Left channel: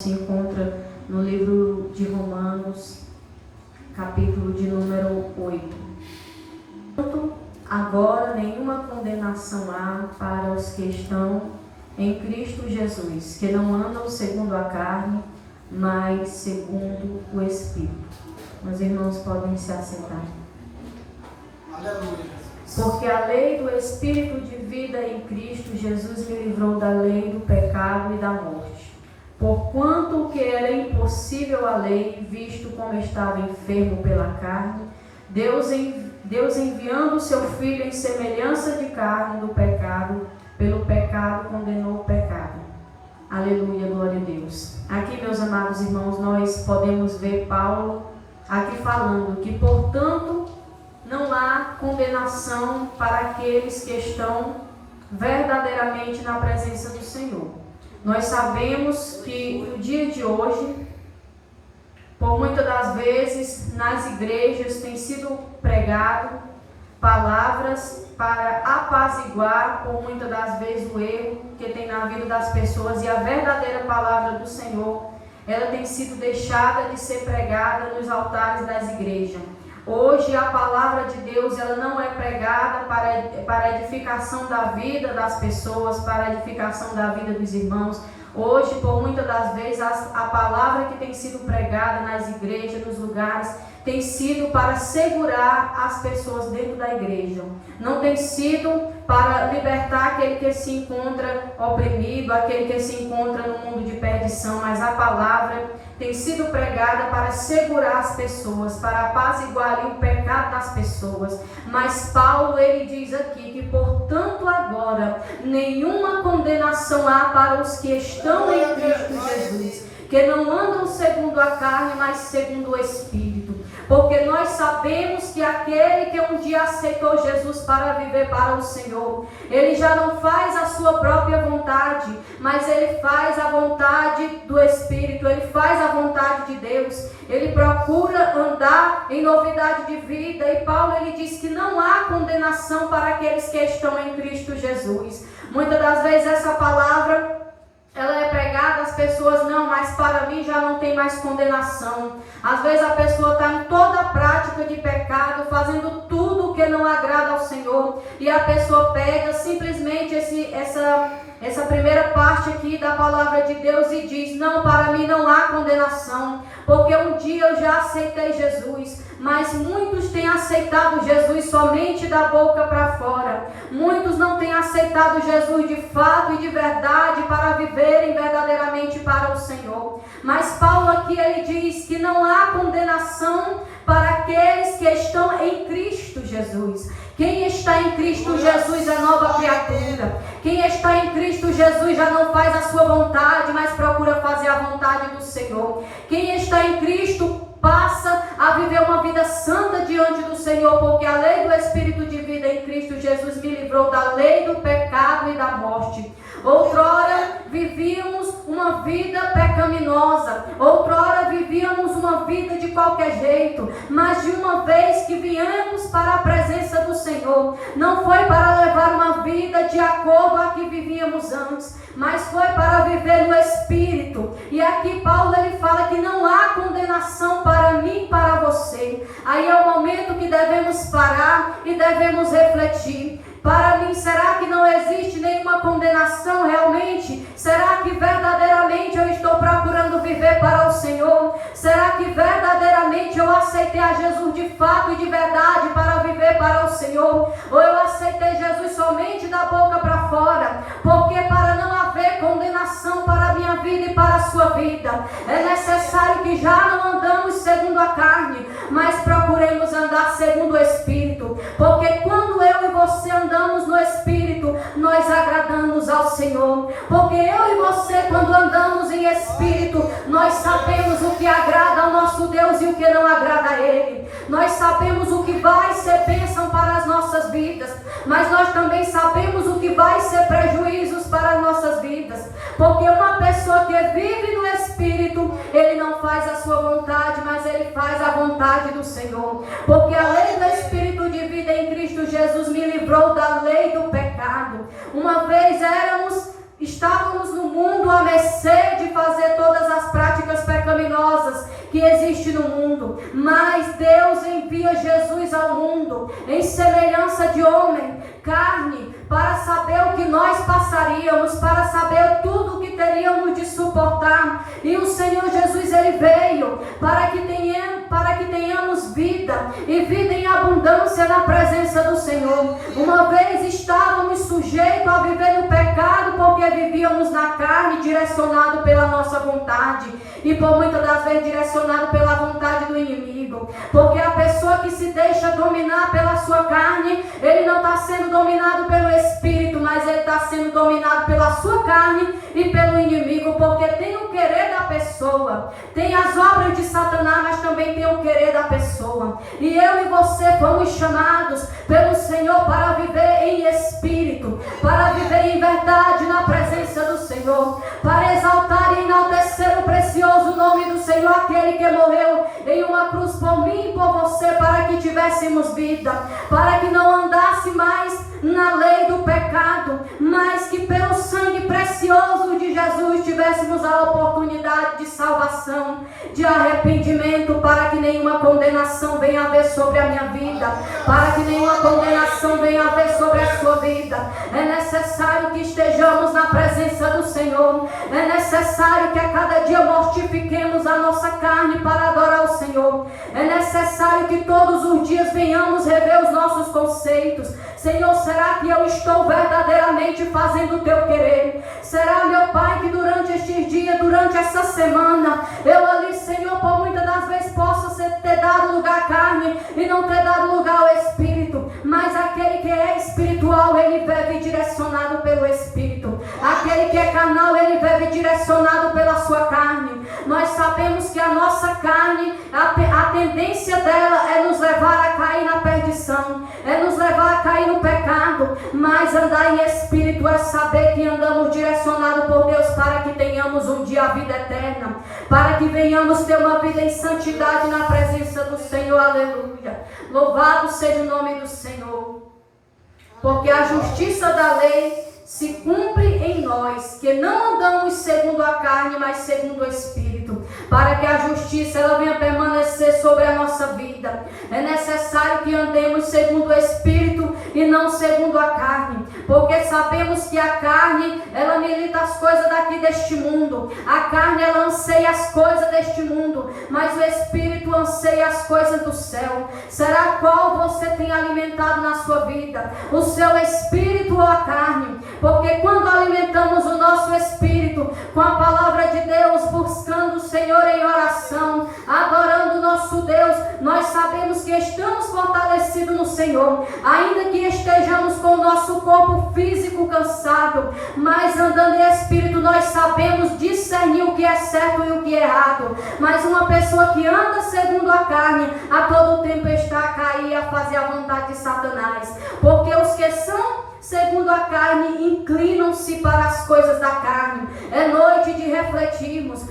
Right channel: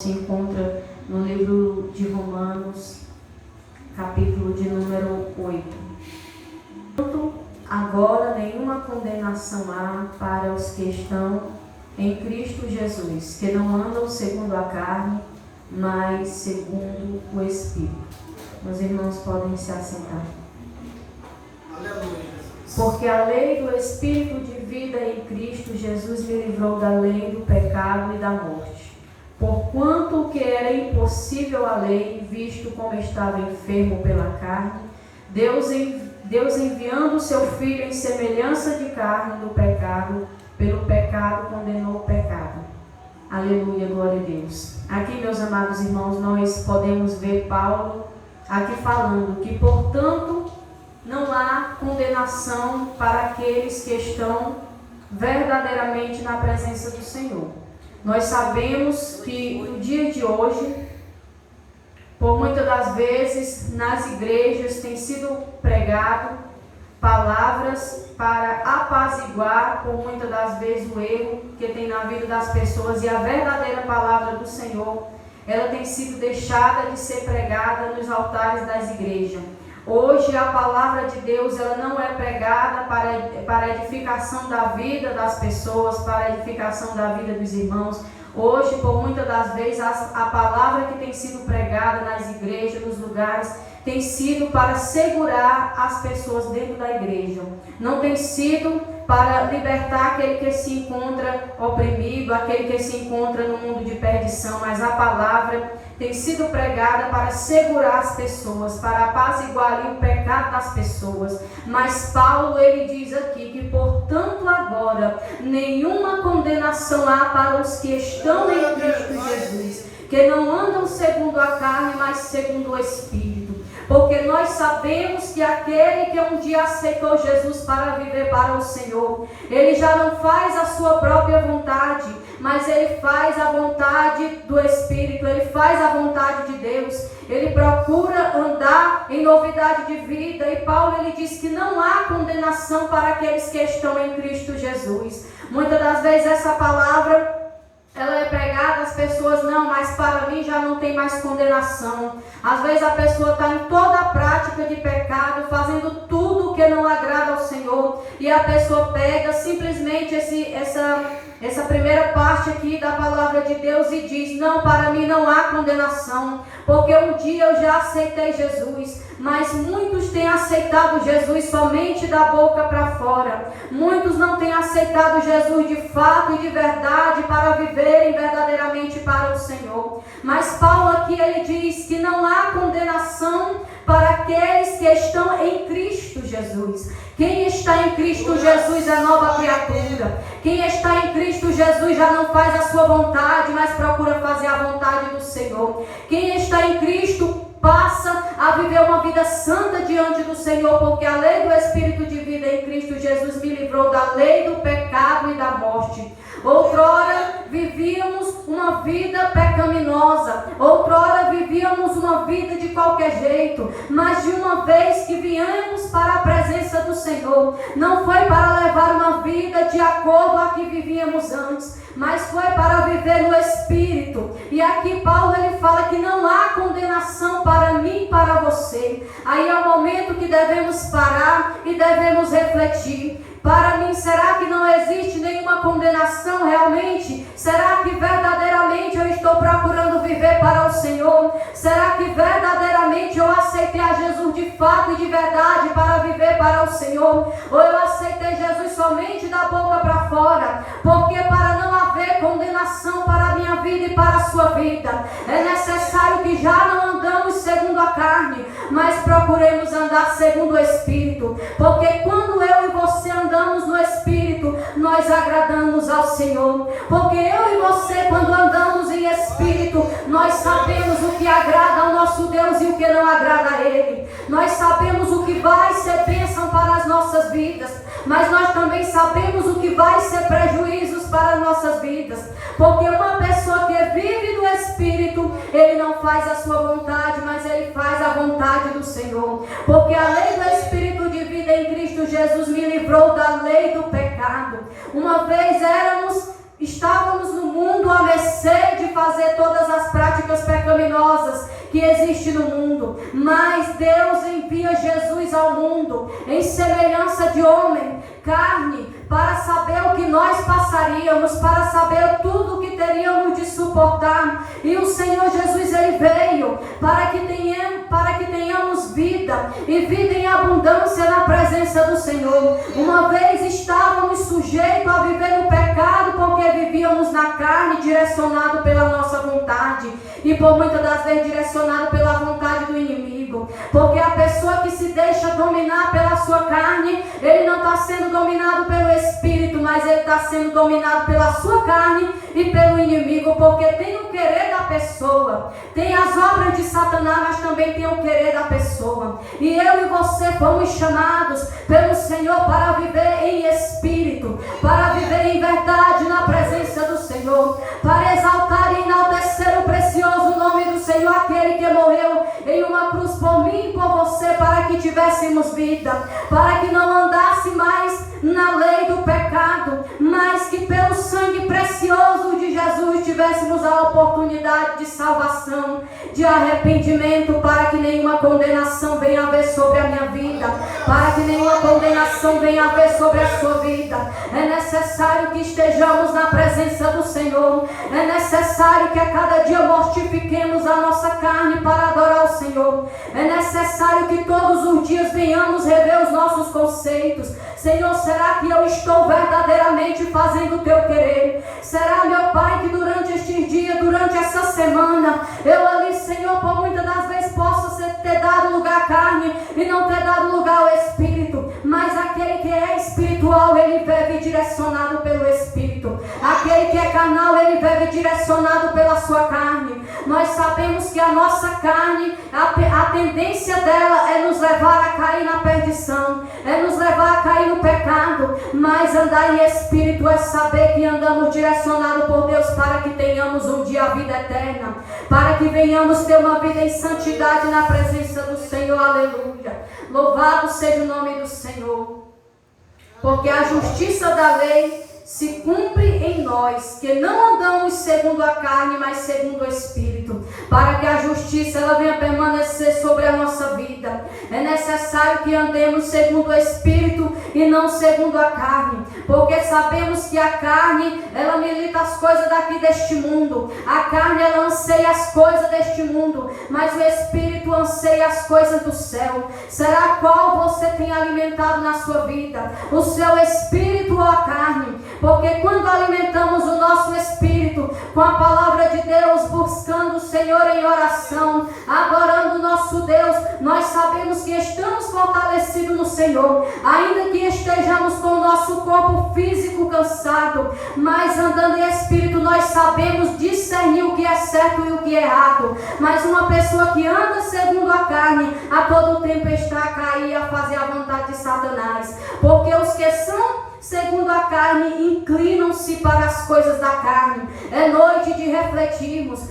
Se encontra no livro de Romanos, capítulo de número 8. Portanto, agora nenhuma condenação há para os que estão em Cristo Jesus, que não andam segundo a carne, mas segundo o Espírito. Os irmãos podem se assentar. Aleluia. Porque a lei do Espírito de vida em Cristo Jesus me livrou da lei do pecado e da morte. Porquanto o que era impossível à lei, visto como estava enfermo pela carne, Deus enviando o seu Filho em semelhança de carne do pecado, pelo pecado condenou o pecado. Aleluia, glória a Deus. Aqui, meus amados irmãos, nós podemos ver Paulo aqui falando que, portanto, não há condenação para aqueles que estão verdadeiramente na presença do Senhor. Nós sabemos que no dia de hoje, por muitas das vezes, nas igrejas tem sido pregado palavras para apaziguar, por muitas das vezes, o erro que tem na vida das pessoas, e a verdadeira palavra do Senhor, ela tem sido deixada de ser pregada nos altares das igrejas. Hoje a palavra de Deus, ela não é pregada para a edificação da vida das pessoas, para a edificação da vida dos irmãos. Hoje, por muitas das vezes, a palavra que tem sido pregada nas igrejas, nos lugares, tem sido para segurar as pessoas dentro da igreja. Não tem sido para libertar aquele que se encontra oprimido, aquele que se encontra no mundo de perdição, mas a palavra tem sido pregada para segurar as pessoas, para apaziguar ali o pecado das pessoas. Mas Paulo, ele diz aqui que, portanto, agora, nenhuma condenação há para os que estão em Cristo Jesus, que não andam segundo a carne, mas segundo o Espírito. Porque nós sabemos que aquele que um dia aceitou Jesus para viver para o Senhor, ele já não faz a sua própria vontade, mas ele faz a vontade do Espírito, ele faz a vontade de Deus, ele procura andar em novidade de vida. E Paulo, ele diz que não há condenação para aqueles que estão em Cristo Jesus. Muitas das vezes essa palavra, ela é pregada, as pessoas, não, mas para mim já não tem mais condenação. Às vezes a pessoa está em toda a prática de pecado, fazendo tudo o que não agrada ao Senhor, e a pessoa pega simplesmente essa primeira parte aqui da palavra de Deus e diz: não, para mim não há condenação, porque um dia eu já aceitei Jesus. Mas muitos têm aceitado Jesus somente da boca para fora. Muitos não têm aceitado Jesus de fato e de verdade para viverem verdadeiramente para o Senhor. Mas Paulo aqui, ele diz que não há condenação para aqueles que estão em Cristo Jesus. Quem está em Cristo Jesus é nova criatura. Quem está em Cristo Jesus já não faz a sua vontade, mas procura fazer a vontade do Senhor. Quem está em Cristo passa a viver uma vida santa diante do Senhor, porque a lei do Espírito de vida em Cristo Jesus me livrou da lei do pecado e da morte. Outrora vivíamos uma vida pecaminosa, outrora vivíamos uma vida de qualquer jeito, mas de uma vez que viemos para a presença do Senhor, não foi para levar uma vida de acordo a que vivíamos antes, mas foi para viver no Espírito. E aqui Paulo, ele fala que não há condenação para mim e para você. Aí é o momento que devemos parar e devemos refletir. Para mim, será que não existe nenhuma condenação realmente? Será que verdadeiramente eu estou procurando viver para o Senhor? Será que verdadeiramente eu aceitei a Jesus de fato e de verdade para viver para o Senhor? Ou eu aceitei Jesus somente da boca para fora? Porque para não haver condenação para a minha vida e para a sua vida, é necessário que já não andamos segundo a carne, mas procuremos andar segundo o Espírito. Porque quando eu e você andamos no Espírito, nós agradamos ao Senhor. Porque eu e você, quando andamos em Espírito, nós sabemos o que agrada ao nosso Deus e o que não agrada a Ele. Nós sabemos o que vai ser bênção para as nossas vidas, mas nós também sabemos o que vai ser prejuízos para as nossas vidas. Porque uma pessoa que vive no Espírito, ele não faz a sua vontade, mas ele faz a vontade do Senhor. Porque a lei do Espírito de vida em Cristo Jesus me livrou da lei do pecado. Uma vez estávamos no mundo à mercê de fazer fazer todas as práticas pecaminosas que existem no mundo. Mas Deus envia Jesus ao mundo em semelhança de homem, carne, para saber o que nós passaríamos, para saber tudo o que teríamos de suportar. E o Senhor Jesus, Ele veio para que tenhamos vida, e vida em abundância na presença do Senhor. Uma vez estávamos sujeitos a viver no pecado, porque vivíamos na carne, direcionado pela nossa vontade, e por muitas das vezes direcionado pela vontade do inimigo. Porque a pessoa que se deixa dominar pela sua carne, ele não está sendo dominado pelo Espírito, mas ele está sendo dominado pela sua carne e pelo inimigo, porque tem o querer da pessoa, tem as obras de Satanás, mas também tem o querer da pessoa. E eu e você fomos chamados pelo Senhor para viver em Espírito, para viver em verdade na presença do Senhor, para exaltar e enaltecer o precioso nome do Senhor, aquele que morreu em uma cruz por mim e por você, para que tivéssemos vida, para que não andasse mais na lei do pecado, mas que pelo sangue precioso de Jesus tivéssemos a oportunidade de salvação, de arrependimento, para que nenhuma condenação venha a haver sobre a minha vida, para que nenhuma condenação venha a haver sobre a sua vida. É necessário que estejamos na presença do Senhor, é necessário que a cada dia mortifiquemos a nossa carne para adorar o Senhor, é necessário que todos os dias venhamos rever os nossos conceitos. Senhor, será que eu estou verdadeiramente fazendo o teu querer? Será, meu Pai, que durante estes dias, durante essa semana, eu ali, Senhor, por muitas das vezes posso ter dado lugar à carne e não ter dado lugar ao Espírito, mas aquele que é espiritual, ele vive direcionado pelo Espírito. Aquele que é carnal, ele vive direcionado pela sua carne. Nós sabemos que a nossa carne, a tendência dela é nos levar a cair na perdição, é nos levar a cair no pecado, mas andar em Espírito é saber que andamos direcionados por Deus para que tenhamos um dia a vida eterna, para que venhamos ter uma vida em santidade na presença do Senhor. Aleluia. Louvado seja o nome do Senhor, porque a justiça da lei se cumpre em nós, que não andamos segundo a carne, mas segundo o Espírito, para que a justiça ela venha permanecer sobre a nossa vida. É necessário que andemos segundo o Espírito e não segundo a carne, porque sabemos que a carne ela milita as coisas daqui deste mundo, a carne ela anseia as coisas deste mundo, mas o Espírito anseia as coisas do céu. Será qual você tem alimentado na sua vida, o seu Espírito ou a carne? Porque quando alimentamos o nosso Espírito com a palavra de Deus, buscando o Senhor em oração, adorando o nosso Deus, nós sabemos que estamos fortalecidos no Senhor, ainda que estejamos com o nosso corpo físico cansado, mas andando em Espírito nós sabemos discernir o que é certo e o que é errado. Mas uma pessoa que anda segundo a carne, a todo tempo está a cair, a fazer a vontade de Satanás, porque os que são segundo a carne inclinam-se para as coisas da carne. É noite de refletirmos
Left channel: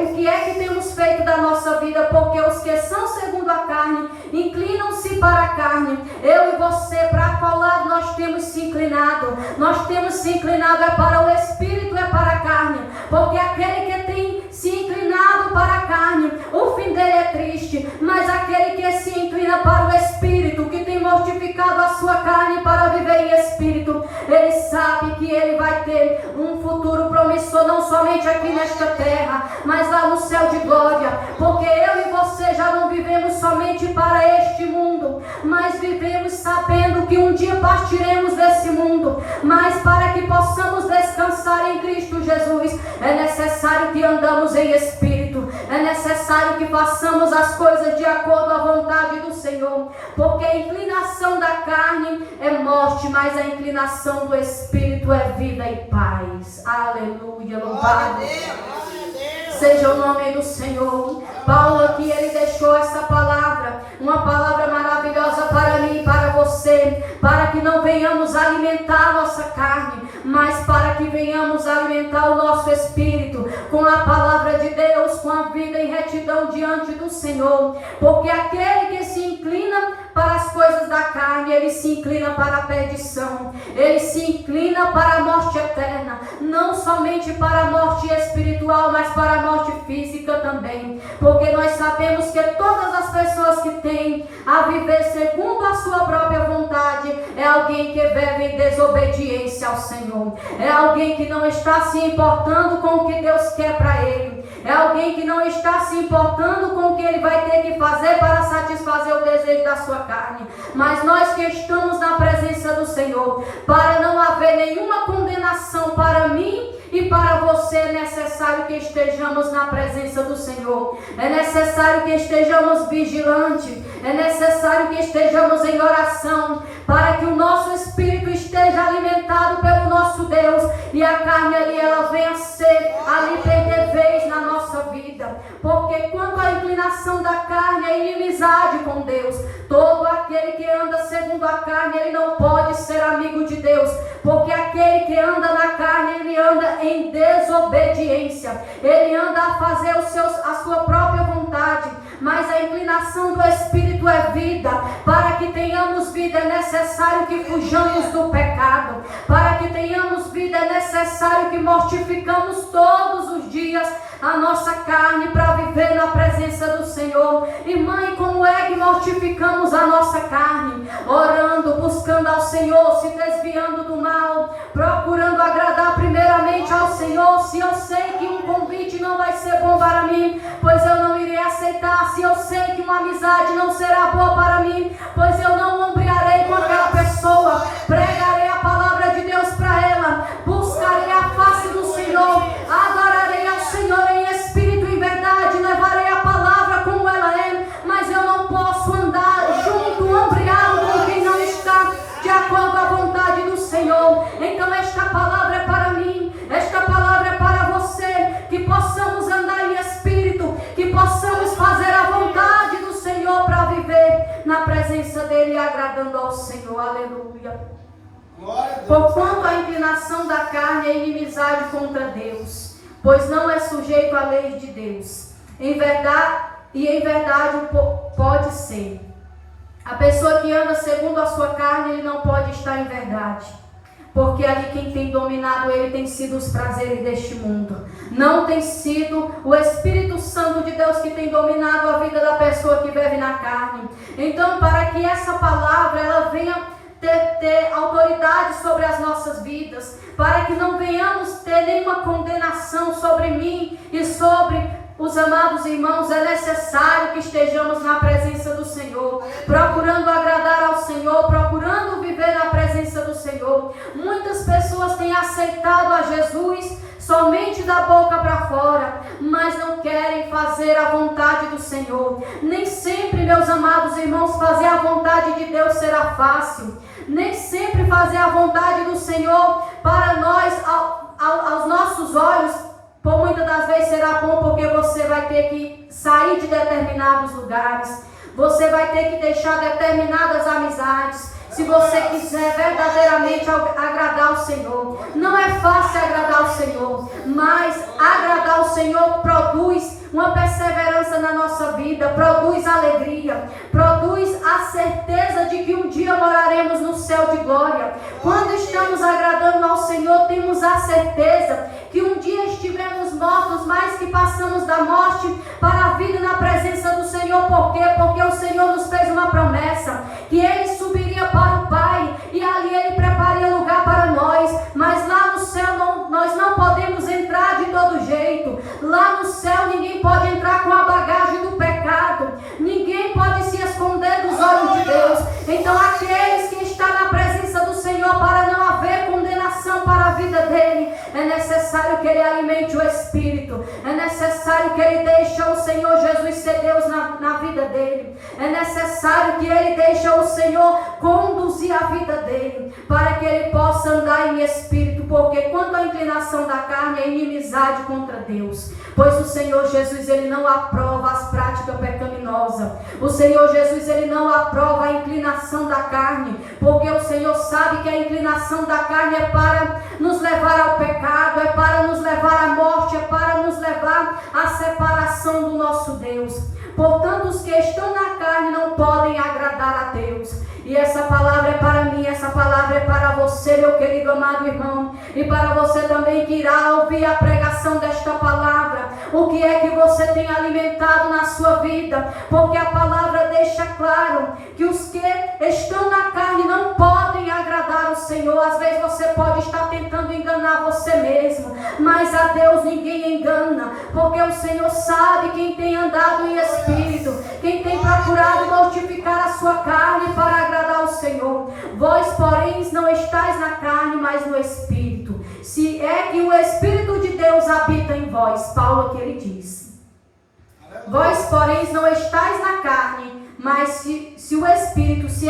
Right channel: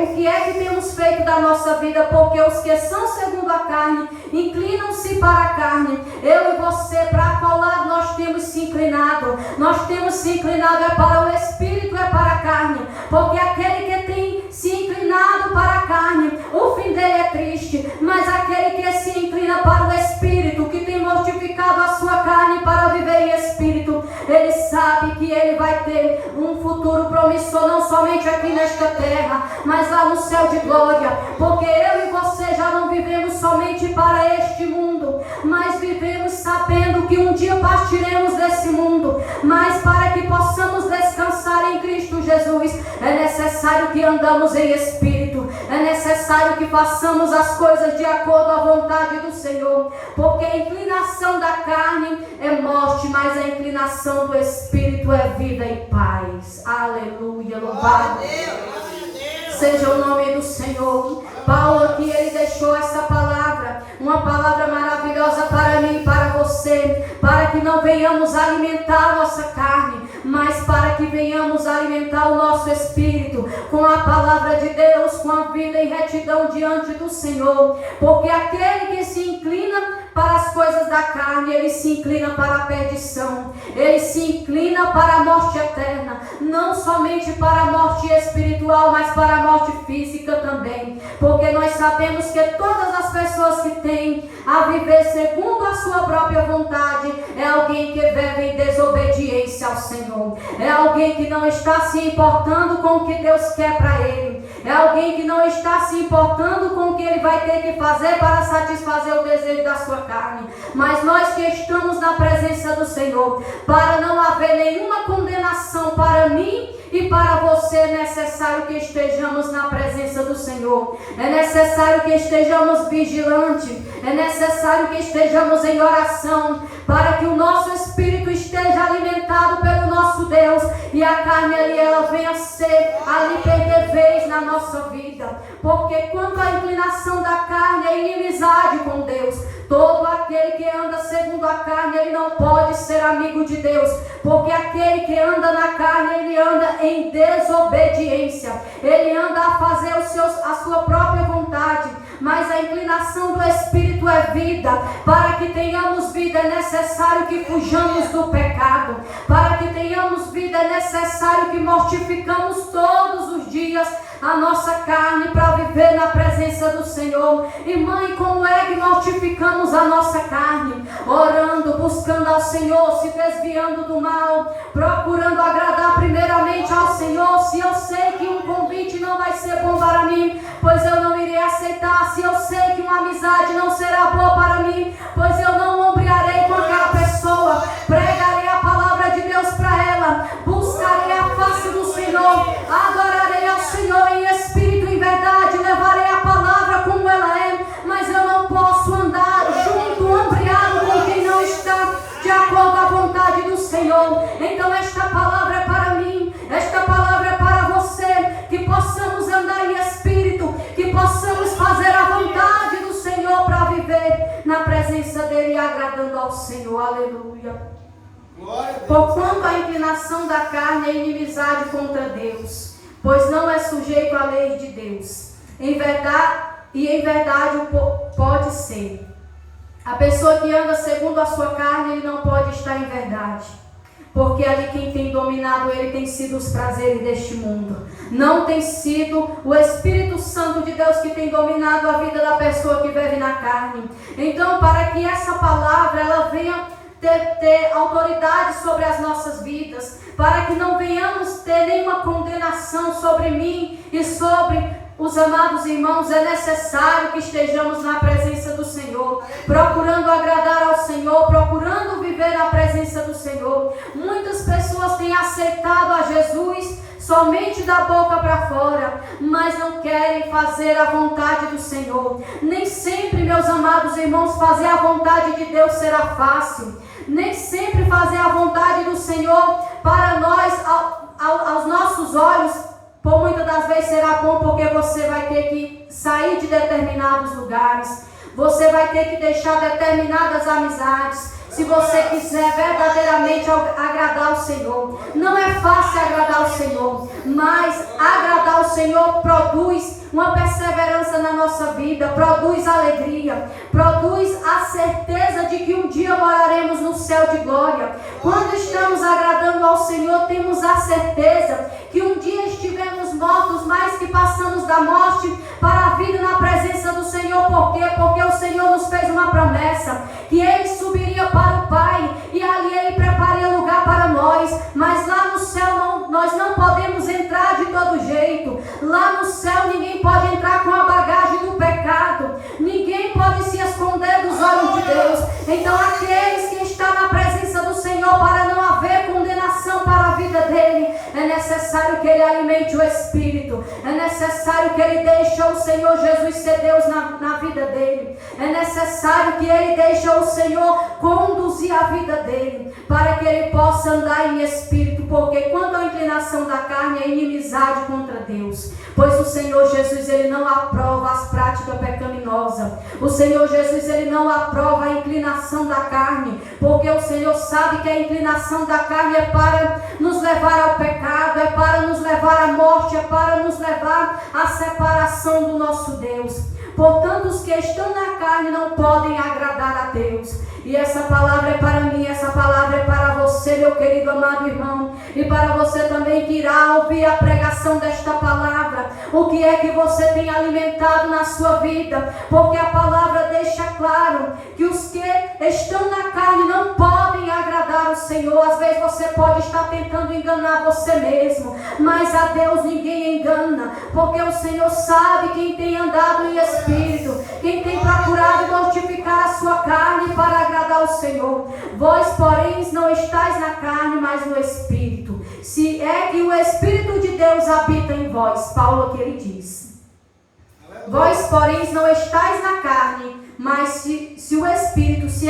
o que é que temos feito da nossa vida, porque os que são segundo a carne inclinam-se para a carne. Eu e você, para qual lado nós temos se inclinado? Nós temos se inclinado é para o Espírito, é para a carne, porque aquele que tem se inclinado para a carne, o fim dele é triste, mas aquele que se inclina para o Espírito, que tem mortificado a sua carne para viver em Espírito, ele sabe que ele vai ter um futuro promissor, não somente aqui nesta terra, mas lá no céu de glória, porque eu e você já não vivemos somente para este mundo, mas vivemos sabendo que um dia partiremos desse mundo, mas para que possamos descansar em Cristo Jesus, é necessário que andamos em Espírito, é necessário que façamos as coisas de acordo à vontade do Senhor, porque a inclinação da carne é morte, mas a inclinação do Espírito é vida e paz. Aleluia, louvado seja o nome do Senhor. Paulo aqui, ele deixou essa palavra, uma palavra maravilhosa para mim e para você, para que não venhamos alimentar a nossa carne, mas para que venhamos alimentar o nosso Espírito com a palavra de Deus, com a vida em retidão diante do Senhor, porque aquele que se inclina para as coisas da carne, ele se inclina para a perdição, ele se inclina para a morte eterna, não somente para a morte espiritual, mas para a morte física também, porque nós sabemos que todas as pessoas que têm a viver segundo a sua própria vontade, é alguém que vive em desobediência ao Senhor, é alguém que não está se importando com o que Deus quer para ele, é alguém que não está se importando com o que ele vai ter que fazer para satisfazer o desejo da sua carne. Mas nós que estamos na presença do Senhor, para não haver nenhuma condenação para mim e para você, é necessário que estejamos na presença do Senhor, é necessário que estejamos vigilantes, é necessário que estejamos em oração, para que o nosso espírito esteja alimentado pelo nosso Deus, e a carne ali, ela venha ser ali perder vez na nossa vida, porque quando a inclinação da carne é inimizade com Deus, todo aquele que anda segundo a carne, ele não pode ser amigo de Deus, porque aquele que anda na carne, ele anda em desobediência, ele anda a fazer a sua própria vontade, mas a inclinação do Espírito é vida. Para que tenhamos vida é necessário que fujamos do pecado, para que tenhamos vida é necessário que mortificamos todos os dias a nossa carne para viver na presença do Senhor. Irmã, e como é que mortificamos a nossa carne? Orando, buscando ao Senhor, se desviando do mal, procurando agradar primeiramente ao Senhor. Se eu sei que um convite não vai ser bom para mim, pois eu não irei aceitar. Se eu sei que uma amizade não será boa para mim, pois eu não ombrearei com aquela pessoa. Pregarei a palavra de Deus para ela, buscarei a face do Senhor, adorarei ao Senhor em espírito e em verdade, levarei a palavra como ela é, mas eu não posso andar junto, ombreado com quem não está de acordo à vontade do Senhor. Então esta palavra é para mim, esta palavra é para você, que possamos andar em espírito, que possamos fazer a vontade do Senhor para viver na presença dele e agradando ao Senhor. Aleluia. Porquanto a inclinação da carne é inimizade contra Deus, pois não é sujeito à lei de Deus. Em verdade pode ser. A pessoa que anda segundo a sua carne, ele não pode estar em verdade, porque ali quem tem dominado ele tem sido os prazeres deste mundo. Não tem sido o Espírito Santo de Deus que tem dominado a vida da pessoa que vive na carne. Então, para que essa palavra ela venha ter autoridade sobre as nossas vidas, para que não venhamos ter nenhuma condenação sobre mim e sobre os amados irmãos, é necessário que estejamos na presença do Senhor, procurando agradar ao Senhor, procurando viver na presença do Senhor. Muitas pessoas têm aceitado a Jesus somente da boca para fora, mas não querem fazer a vontade do Senhor. Nem sempre, meus amados irmãos, fazer a vontade de Deus será fácil. Nem sempre fazer a vontade do Senhor para nós, aos nossos olhos, por muitas das vezes será bom, porque você vai ter que sair de determinados lugares, você vai ter que deixar determinadas amizades, se você quiser verdadeiramente agradar o Senhor. Não é fácil agradar o Senhor, mas agradar o Senhor produz uma perseverança na nossa vida, produz alegria, produz a certeza de que um dia moraremos no céu de glória. Quando estamos agradando ao Senhor, temos a certeza que um dia estiveremos mortos, mas que passamos da morte para a vida na presença do Senhor. Por quê? Porque o Senhor nos fez uma promessa, que Ele subiria para o Pai, e ali Ele prepararia lugar para nós. Mas lá no céu nós não podemos entrar de todo jeito. Lá no céu ninguém pode entrar com a bagagem do pecado, ninguém pode se esconder dos olhos de Deus. Então aqueles que estão na presença do Senhor, para não haver condenação para a vida dele, é necessário que ele alimente o Espírito, é necessário que ele deixe o Senhor Jesus ser Deus na vida dele, é necessário que ele deixe o Senhor conduzir a vida dele, para que ele possa andar em Espírito, porque quando a inclinação da carne é inimizade contra Deus, pois o Senhor Jesus, ele não aprova as práticas pecaminosas. O Senhor Jesus, ele não aprova a inclinação da carne, porque o Senhor sabe que a inclinação da carne é para nos levar ao pecado, é para nos levar à morte, é para nos levar a separação do nosso Deus. Portanto, os que estão na carne não podem agradar a Deus. E essa palavra é para mim, essa palavra é para você, meu querido amado irmão, e para você também que irá ouvir a pregação desta palavra. O que é que você tem alimentado na sua vida? Porque a palavra deixa claro que os que estão na carne não podem agradar o Senhor. Às vezes você pode estar tentando enganar você mesmo, mas a Deus ninguém engana, porque o Senhor sabe quem tem andado em espírito, quem tem procurado mortificar a sua carne para agradar o Senhor. Vós, porém, não estáis na carne, mas no Espírito. Se é que o Espírito de Deus habita em vós. Paulo que ele diz. Vós, porém, não estáis na carne, mas se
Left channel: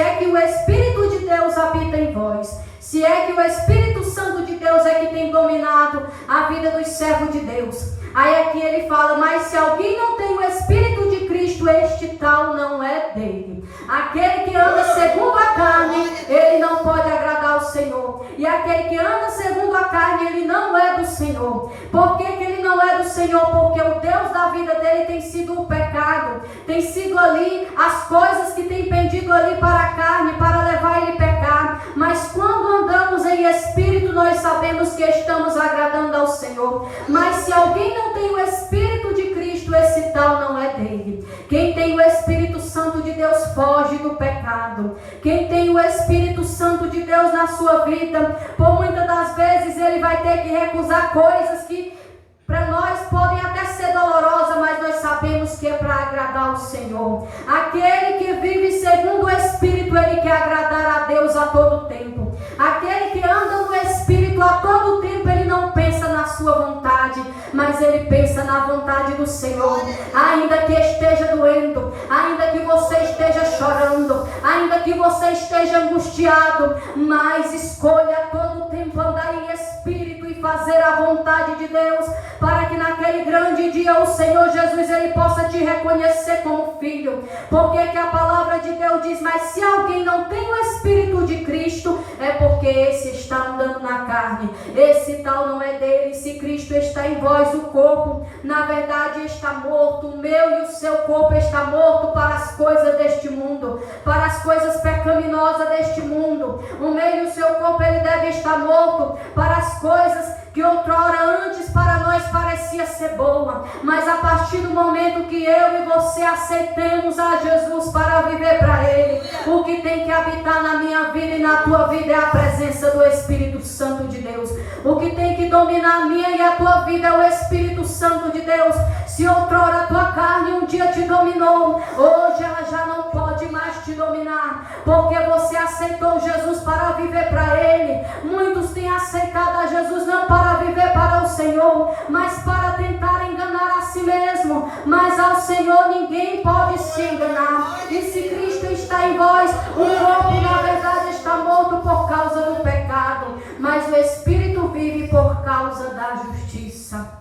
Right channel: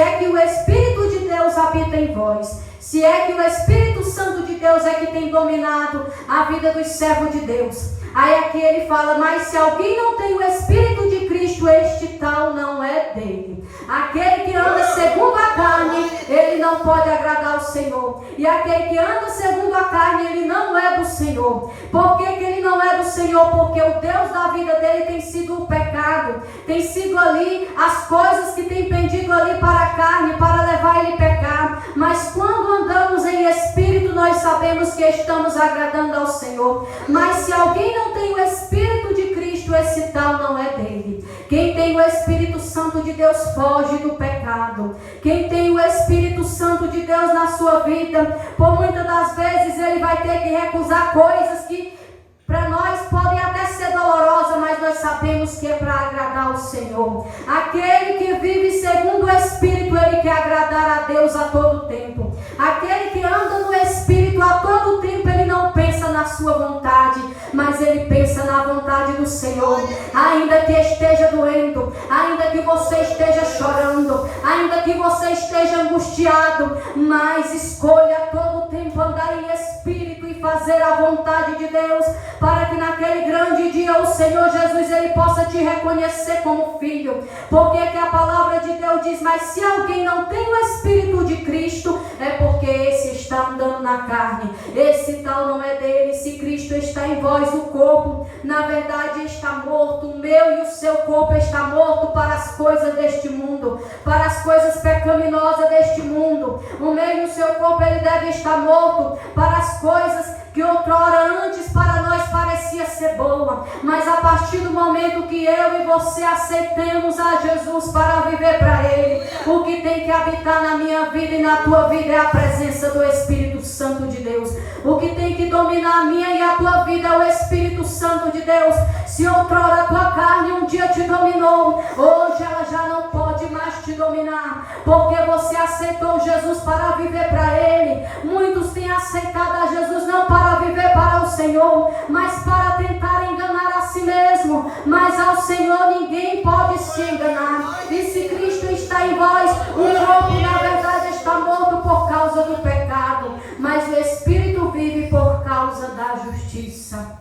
é que o Espírito de Deus habita em vós. Se é que o Espírito Santo de Deus é que tem dominado a vida dos servos de Deus. Aí aqui ele fala, mas se alguém não tem o Espírito de Cristo, este tal não é dele. Aquele que anda segundo a carne, ele não pode agradar o Senhor. E aquele que anda segundo a carne, ele não é do Senhor. Por que ele não é do Senhor? Porque o Deus da vida dele tem sido o pecado. Tem sido ali as coisas que tem pendido ali para a carne, para levar ele a pecar. Mas quando andamos em Espírito, nós sabemos que estamos agradando ao Senhor. Mas se alguém não tem o Espírito de Cristo, esse tal não é dele. Quem tem o Espírito Santo de Deus foge do pecado. Quem tem o Espírito Santo de Deus na sua vida, por muitas das vezes ele vai ter que recusar coisas que para nós podem até ser dolorosas, mas nós sabemos que é para agradar o Senhor. Aquele que vive segundo o Espírito, ele quer agradar a Deus a todo tempo. Aquele que anda no Espírito a todo tempo, ele não pensa na sua vontade, mas ele pensa na vontade do Senhor. Ainda que esteja doendo, ainda que você esteja chorando, ainda que você esteja angustiado, mas escolha a todo tempo andar em Espírito e fazer a vontade de Deus, para que naquele grande dia o Senhor Jesus ele possa te reconhecer como filho. Porque que a palavra de Deus diz, mas se alguém não tem o Espírito de Cristo, é porque esse está andando na carne. Esse tal não é dele. Se Cristo está em vós, o corpo na verdade está morto. O meu e o seu corpo está morto para as coisas deste mundo, para as coisas pecaminosas deste mundo. O meu e o seu corpo ele deve estar morto para as coisas que outrora antes para nós parecia ser boa, mas a partir do momento que eu e você aceitemos a Jesus para viver para Ele, o que tem que habitar na minha vida e na tua vida é a presença do Espírito Santo de Deus. O que tem que dominar a minha e a tua vida é o Espírito Santo de Deus. Se outrora a tua carne um dia te dominou, hoje ela já não pode mais te dominar, porque você aceitou Jesus para viver para Ele. Muitos têm aceitado a Jesus não para viver para o Senhor, mas para tentar enganar a si mesmo. Mas ao Senhor ninguém pode se enganar. E se Cristo está em vós, o corpo na verdade está morto por causa do pecado, mas o Espírito vive por causa da justiça.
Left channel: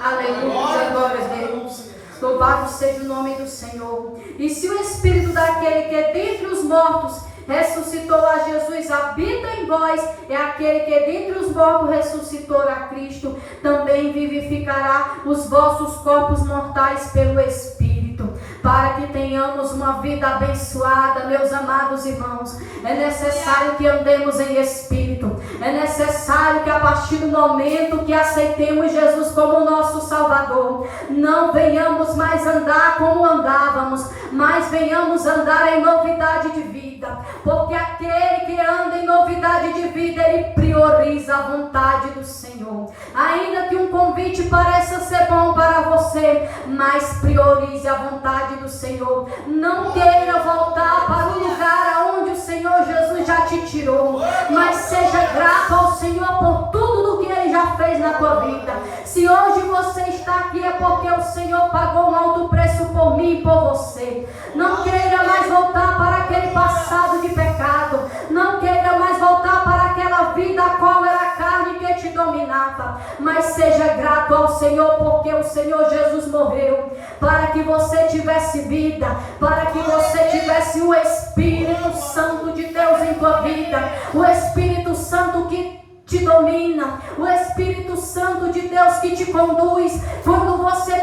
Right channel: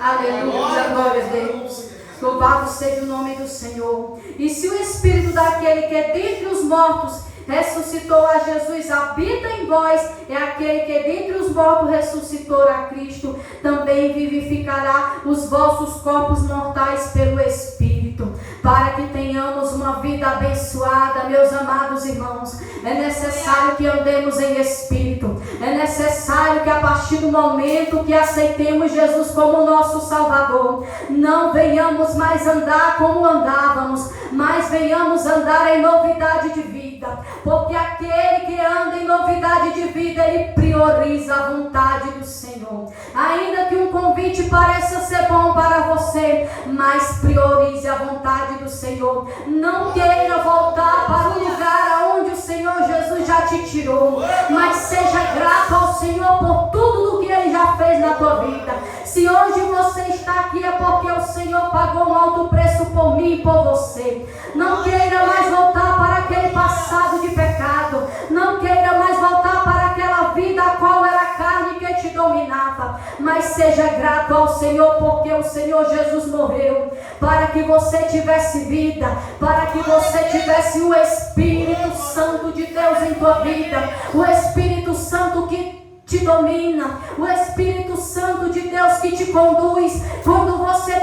Aleluia, glória a Deus. Louvado seja o nome do Senhor. E se o Espírito daquele que é dentre os mortos ressuscitou a Jesus habita em vós, é aquele que dentre os mortos ressuscitou a Cristo, também vivificará os vossos corpos mortais pelo Espírito, para que tenhamos uma vida abençoada. Meus amados irmãos, é necessário que andemos em Espírito, é necessário que a partir do momento que aceitemos Jesus como nosso Salvador, não venhamos mais andar como andávamos, mas venhamos andar em novidade de vida, porque aquele que anda em novidade de vida, ele prioriza a vontade do Senhor. Ainda que um convite pareça ser bom para você, mas priorize a vontade do Senhor. Não queira voltar para o lugar onde o Senhor Jesus já te tirou, mas seja grato ao Senhor por tudo o que Ele já fez na tua vida. Se hoje você está aqui é porque o Senhor pagou um alto preço por mim e por você. Não queira mais voltar para aquele passado de pecado. Não queira mais voltar para aquela vida a qual era a carne que te dominava. Mas seja grato ao Senhor, porque o Senhor Jesus morreu para que você tivesse vida, para que você tivesse o Espírito Santo de Deus em tua vida, o Espírito Santo que te domina, o Espírito Santo de Deus que te conduz. Quando você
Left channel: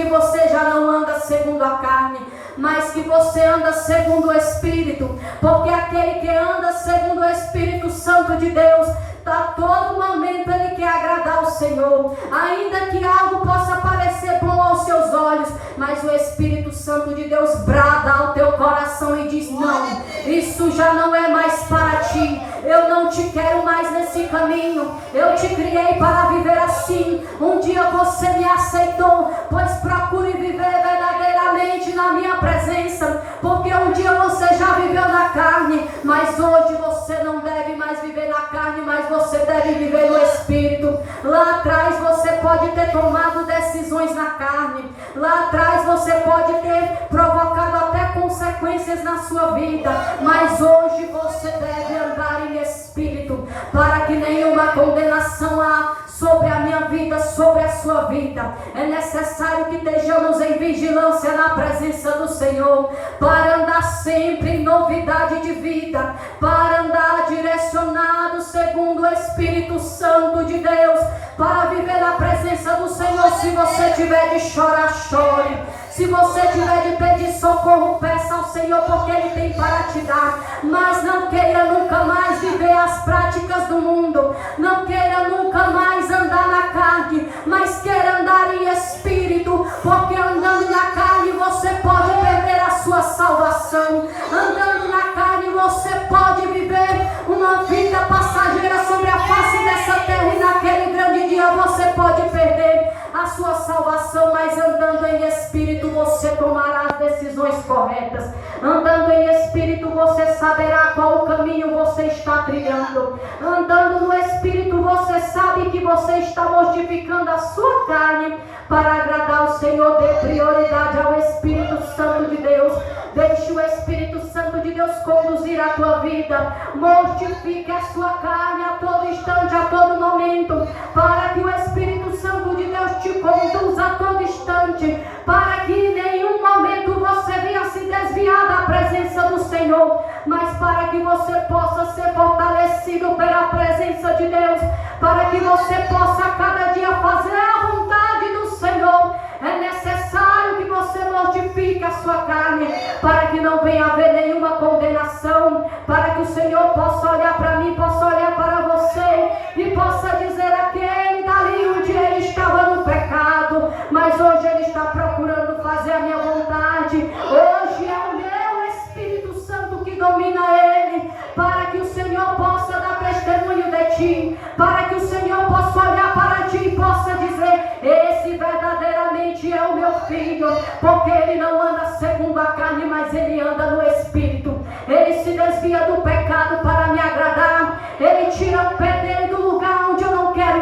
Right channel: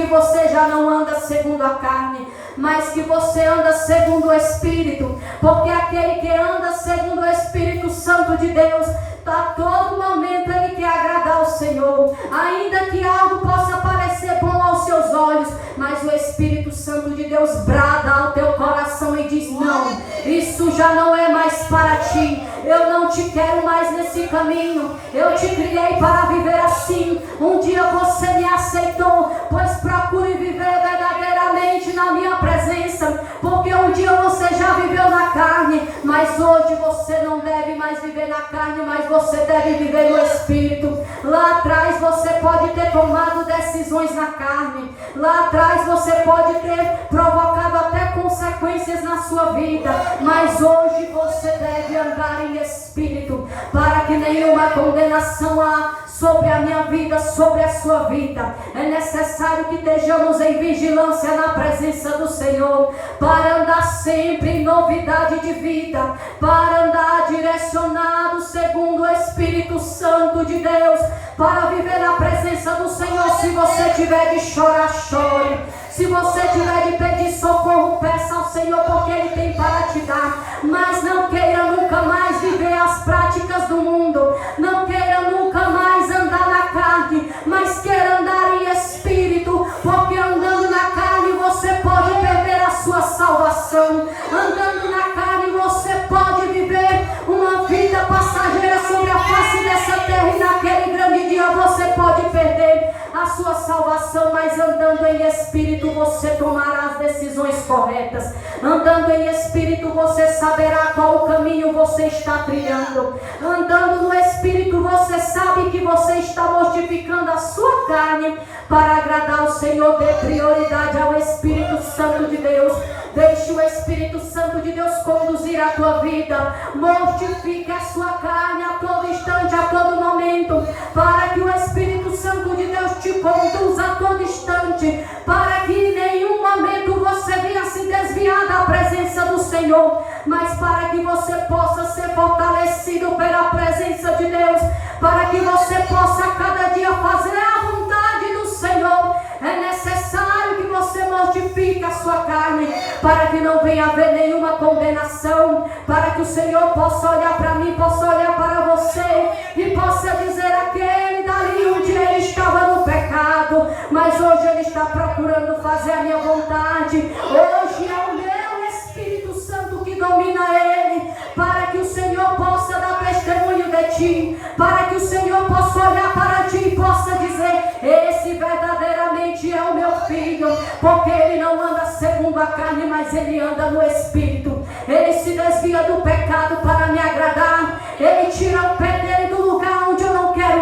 que você já não anda segundo a carne, mas que você anda segundo o Espírito, porque aquele que anda segundo o Espírito Santo de Deus, a todo momento ele quer agradar o Senhor, ainda que algo possa parecer bom aos seus olhos, mas o Espírito Santo de Deus brada ao teu coração e diz: não, isso já não é mais para ti, eu não te quero mais nesse caminho, eu te criei para viver assim. Um dia você me aceitou, pois procure viver verdadeiramente na minha presença, porque um dia você já viveu na carne, mas hoje você não deve mais viver na carne, mas você deve viver no Espírito. Lá atrás você pode ter tomado decisões na carne, lá atrás você pode ter provocado até consequências na sua vida, mas hoje você deve andar em Espírito, para que nenhuma condenação há sobre a minha vida, sobre a sua vida. É necessário que estejamos em vigilância na presença do Senhor, para andar sempre em novidade de vida, para andar direcionado segundo o Espírito Santo de Deus, para viver na presença do Senhor. Se você tiver de chorar, chore. Se você tiver de pedir socorro, peça ao Senhor, porque Ele tem para te dar. Mas não queira nunca mais viver as práticas do mundo, não queira nunca mais andar na carne, mas queira andar em Espírito, porque andando na carne você pode perder a sua salvação. Andando na carne você pode viver uma vida passageira sobre a face dessa terra, e naquele grande dia você pode perder a sua salvação. Mas andando em Espírito você tomará as decisões corretas. Andando em Espírito você saberá qual o caminho você está trilhando. Andando no Espírito você sabe que você está mortificando a sua carne para agradar o Senhor. Dê prioridade ao Espírito Santo de Deus. Deixe o Espírito Santo de Deus conduzir a tua vida. Mortifique a sua carne a todo instante, a todo momento, para que o Espírito Santo de Deus te conduza a todo instante, para que em nenhum momento você venha se desviar da presença do Senhor, mas para que você possa ser fortalecido pela presença de Deus, para que você possa cada dia fazer a vontade do Senhor. É necessário que você mortifique a sua carne, para que não venha haver nenhuma condenação, para que o Senhor possa olhar para mim, possa olhar para você e possa dizer: aquele dali um dia ele estava no pecado, mas hoje ele está procurando fazer a minha vontade. Hoje é o meu Espírito Santo que domina ele, para que o Senhor possa dar testemunho de ti, para que o Senhor possa olhar para ti e possa dizer: esse verdadeiramente é o meu filho, porque ele não anda segundo a carne, mas ele anda no Espírito. Ele se desvia do pecado para me agradar, ele tira o pé dele do lugar onde eu não quero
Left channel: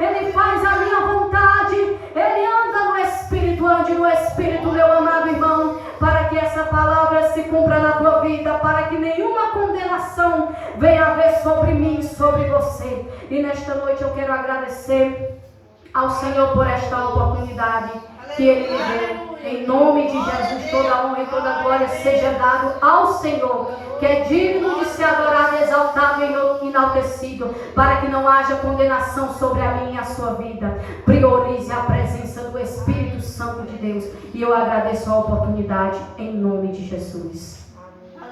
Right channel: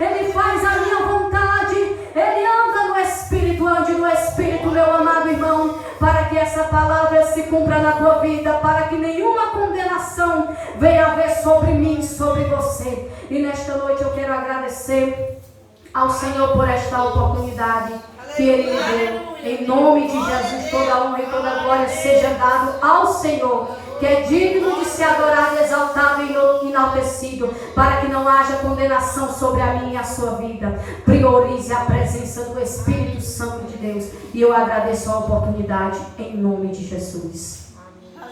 ele faz a minha vontade, ele anda no Espírito. Ande no Espírito, meu amado irmão, para que essa palavra se cumpra na tua vida, para que nenhuma condenação venha haver sobre mim, sobre você. E nesta noite eu quero agradecer ao Senhor por esta oportunidade que Ele me deu. Em nome de Jesus, toda a honra e toda a glória seja dado ao Senhor, que é digno de ser adorado, exaltado e enaltecido, para que não haja condenação sobre a minha e a sua vida. Priorize a presença do Espírito Santo de Deus. E eu agradeço a oportunidade em nome de Jesus.